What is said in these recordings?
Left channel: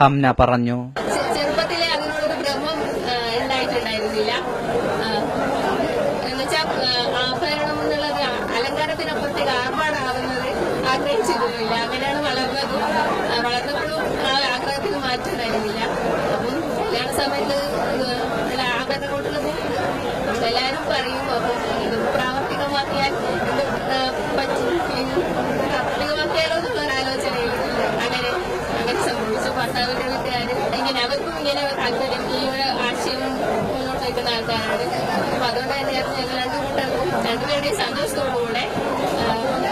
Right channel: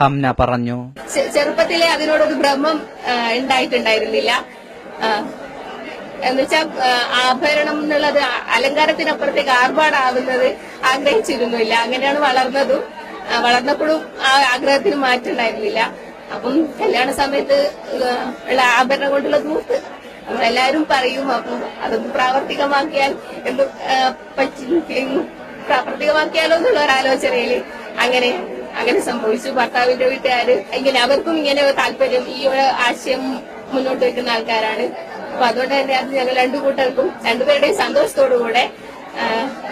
ഹംന പറഞ്ഞു. ചെറുപ്പത്തിലെ അതിനോടൊരു ഭ്രമം ഉണ്ടായിട്ടുണ്ടായിരുന്നില്ല. എന്നുവെച്ചാൽ ആഭരണം എന്നുള്ളത് അലങ്കാരത്തിനപ്പുറത്തേക്ക് ആർഭാടാവുന്നത് ആഗ്രഹിച്ചിരുന്നില്ല. അങ്ങനെയാണ് വളർന്നപ്പോഴും ആ ആഗ്രഹത്തിന് മാറ്റമുണ്ടായിരുന്നില്ല. അപ്പം കല്യാണ സമയത്ത് ഉള്ള ആഭരണം കൊണ്ടുള്ള ദൂത്ത് നമ്മളെല്ലാവരും പറയും. അപ്പം അത് പ്രാവർത്തികമാക്കിയാൽ പ്രാവർത്തികമാക്കിയാലോ എന്നുള്ള ഒരാലോചനയിൽ അങ്ങനെ സംഭവിച്ചു. ഭർത്താവിന്റെ വീട്ടുകാര് അവർക്കും ഇങ്ങനെ താല്പര്യം, ഈ ഒരു ആശയം മുന്നോട്ട് വെക്കുന്ന ആൾക്കാരാണ്. അപ്പൊ അതുകൊണ്ട് തന്നെ അത് ഞങ്ങൾ രണ്ടുപേരുടെയും സന്തോഷത്തോടുകൂടെ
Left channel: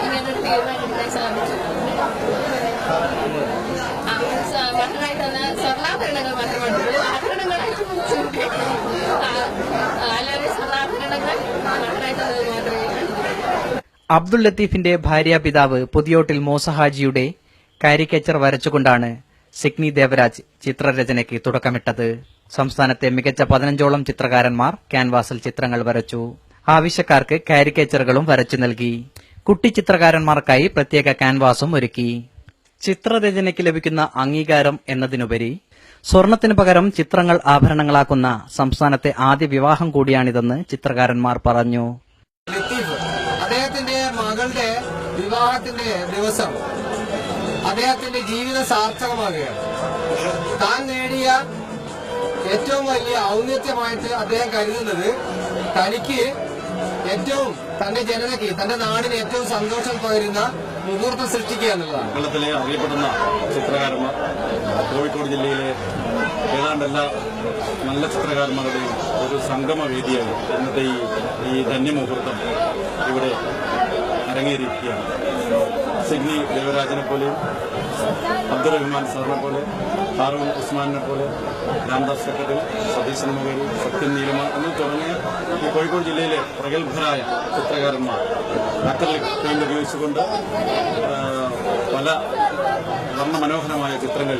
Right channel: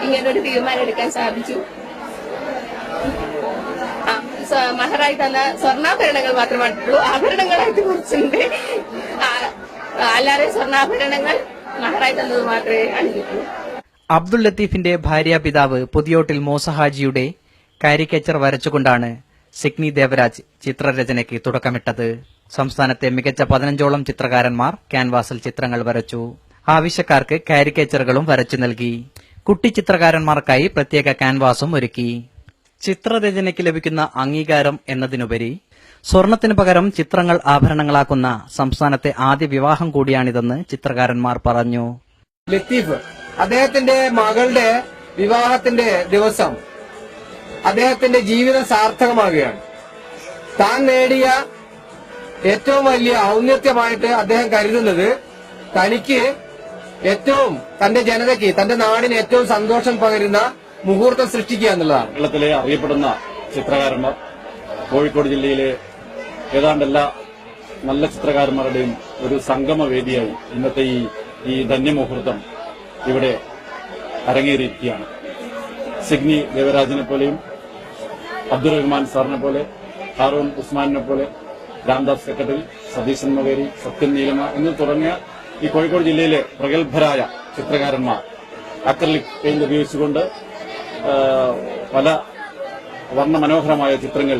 ഇങ്ങനൊരു തീരുമാനം എടുക്കാൻ സാധിച്ചു. മഹറായി തന്ന സ്വർണ്ണാഭരണങ്ങൾ മാത്രമായിട്ടുള്ളൂ, ആഭരണങ്ങളായിട്ട് കുറിച്ചുണ്ട്. അല്ലാതെ സ്വർണ്ണാഭരണങ്ങൾ മഹറായി തന്നത് മാത്രമേ അണിഞ്ഞിട്ടുള്ളൂ. അബ്ദുൾ ലത്തീഫിന്റെ ഭാര്യാപിതാവ് പുതിയോട്ടിൽ മൂസഹാജിയുടെ കാരിക്കേച്ചർ വരച്ചുകൊണ്ടാണ് സിഗ്നി ദേവരാജ് ചിത്രരചനയ്ക്ക് തുടക്കമിട്ടത്. സംസ്ഥാനത്തെ മികച്ച 15ഓളം ചിത്രകാരന്മാർ ക്യാൻവാസിൽ ചിത്രങ്ങൾ വരച്ചു. ആവശ്യക്കാർക്ക് കാരിക്കേച്ചറുകളും വരച്ചു നൽകി. കുട്ടി ചിത്രകാരന്മാർക്കായി പ്രത്യേക ക്യാൻവാസും ഒരുക്കി. ചിത്രരചനയ്ക്ക് ലഭിക്കുന്ന അംഗീകാരം എന്നതിനുപരി സ്വർണത്തിനു പകരം ചിത്രങ്ങൾ ആഭരണങ്ങളാക്കുന്ന സംസ്ഥാനത്തെ ആദ്യ വിവാഹം കൂടിയാണിതെന്ന് ചിത്രകാരന്മാർ പറഞ്ഞു. ലത്തീഫ് അദ്ദേഹത്തിന്റെ മകളുടെ വിവാഹത്തിന്റെ ദിവസം അദ്ദേഹത്തിന്റെ ജീവിതം സാർത്ഥകമാകുകയാണ്. താൻ നേടിയ ഏറ്റവും വലിയ ഔന്നത്യമായിട്ട് അദ്ദേഹം കരുതുന്നത് തനിക്ക് ഏറ്റവും തന്റെ ജനതയ്ക്ക്, തന്റെ നാടിന് ഏറ്റവും സന്തോഷം പകരുന്ന മുഹൂർത്തം സൃഷ്ടിക്കുക എന്നുള്ളതാണ്. കേരളത്തിലെ അറിയപ്പെടുന്ന ചിത്രകാരന്മാർ, കോഴിക്കോട് ജില്ലയിലെ ഏതാണ്ട് എല്ലാ നല്ല ചിത്രകാരന്മാരുടെയും ഒരു സംഗമവേദിയായി ഇന്നത്തെ ഈ ധന്യമുഹൂർത്തം ഇവിടെ അരങ്ങേറിയിരിക്കുകയാണ്. സിഗ്നി ദേവരാജിനെ പോലെയും അബ്ദുറഹ്മാൻ സാറിനെ പോലെ, ഹാറൂൺ ഉസ്മാനെ പോലെ, രാംദാസ് കക്കട്ടിൽ, സതീശൻ മകേരി, സത്യൻ നീലമ എന്ന് തുടങ്ങിയ ഈ കോഴിക്കോട് ജില്ലയിലെ പ്രഗത്ഭരായ ചിത്രകാരന്മാർ അക്രലിക് പെയിന്റ് ഉപയോഗിച്ചുകൊണ്ട് പല വർണ്ണമനോഹരമായ ചിത്രങ്ങൾ